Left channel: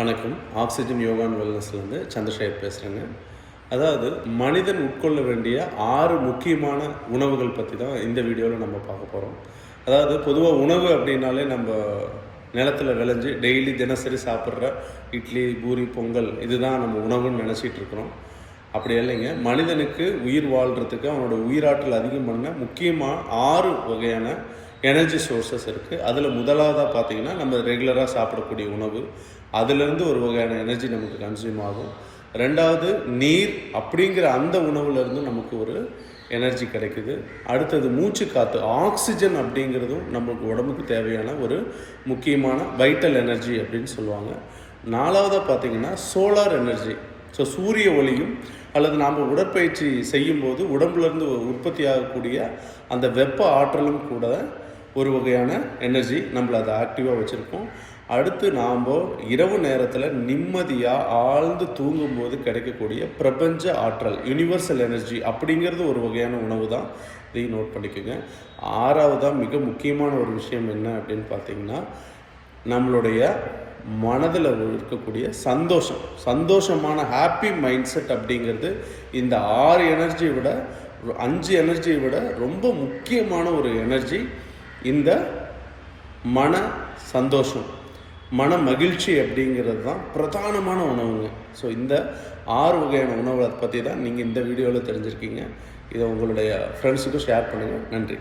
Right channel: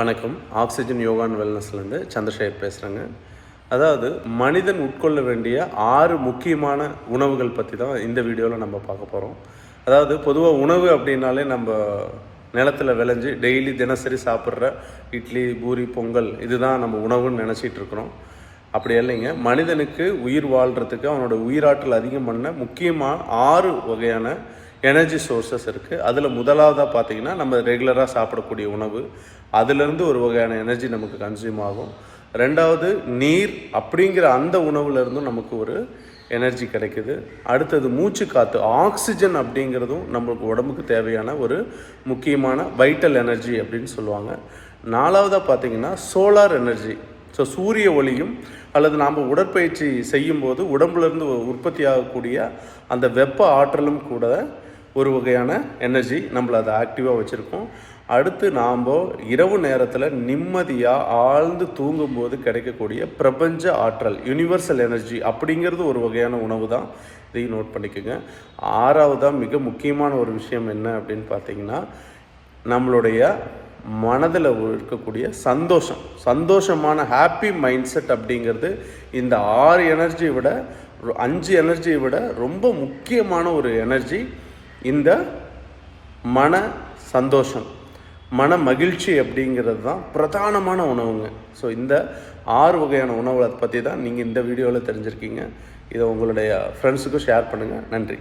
வணக்கம். Oxygen yoga and வெல்னஸ்லேருந்து Chandrasekhar பேசுகிறேங்க. அதாவது மனிதன் உட்கொள்ள வேண்டிய 6 முக்கியமான உணவுகள் பற்றி தான் இந்த வீடியோவில் நம்ம பார்க்க போகிறோம். அதாவது பொதுவாக உணவு அப்படின்னாலே நம்ம நிலத்தில் விளைஞ்சி டெய்லி தினசரி சாப்பிட்ற இட்லி, பூரி, பொங்கல் இதுதான் நம்ம உணவுன்னு நினச்சிட்டு இருக்கிறோம். அப்படி இல்லைங்க. மனிதனுக்கு உயிர் வாழ்கிறதுக்கு அவனோட உயிராற்றல் அதிகம் பண்ண முக்கியமாக 6 வகையான எனர்ஜி சோர்சஸ் இருக்குது. அதில் முதலாவதாக பார்த்தீங்கன்னா நம்ம ரெகுலராக சாப்பிடக்கூடிய உணவு, அதுலேருந்து ஒரு வகையான எனர்ஜி நமக்கு கன்சியூம் ஆகும். ரெண்டாவது நீர் அப்படிங்கிற அந்த உணவுலேருந்தும் நமக்கு ஒரு எனர்ஜி கிடைக்குது. அடுத்தது மூச்சு காற்று, ஆக்சிஜன் அப்படிங்கிறதும் நமக்கு உடம்புக்கு தேவையான ஒரு முக்கியமான வைட்டல் எனர்ஜி அப்படின்னு சொல்லுவாங்க. நாலாவதாக பார்த்தீங்கன்னா சோலார் எனர்ஜி. ஸோ சூரிய ஒளியும் அல்லது நாம் உடற்பயிற்சி செய்யும்போது உடம்புலேருந்து உற்பத்தி ஆகக்கூடிய அந்த வெப்ப ஆற்றலும் கூட ஒரு வகையான எனர்ஜி நம்மளை அதை ஆக்டிவாக வச்சுருக்கோம். அடுத்து நாம் இரவு நேரத்தில் நிம்மதியாக ஆழ்ந்து தூங்கும்போது கிடைக்கக்கூடிய பிரபஞ்ச ஆற்றல், யுனிவர்சல் எனர்ஜி அப்படிங்கிறது ஒரு வகையான உணவு தான். இதையும் நோட் பண்ணிக்கோங்க. ஆறாவதாக மிக முக்கியமான ஒரு விஷயம் என்ன அப்படின்னு பார்த்தீங்கன்னா, நம்மளுடைய மனதில் இருக்கக்கூடிய சந்தோஷமான ஹாப்பி மைண்ட் செட் அப்படிங்கிறது இந்த 6 எனர்ஜியை விட 5 எனர்ஜியை விட ரொம்ப முக்கியமான ஒரு எனர்ஜி. இந்த மன சந்தோஷம், மன மகிழ்ச்சி அப்படிங்கிறது தான் பிரதானமான உணவுங்க. ஸோ இந்த 6 வகையான உணவை பற்றி தான் நீங்கள் இந்த வீடியோவில் தெரிஞ்சிருக்கீங்க. இதை உங்களுடைய ஃப்ரெண்ட்ஸுக்கும் ஷேர் பண்ணுங்கள். நன்றி.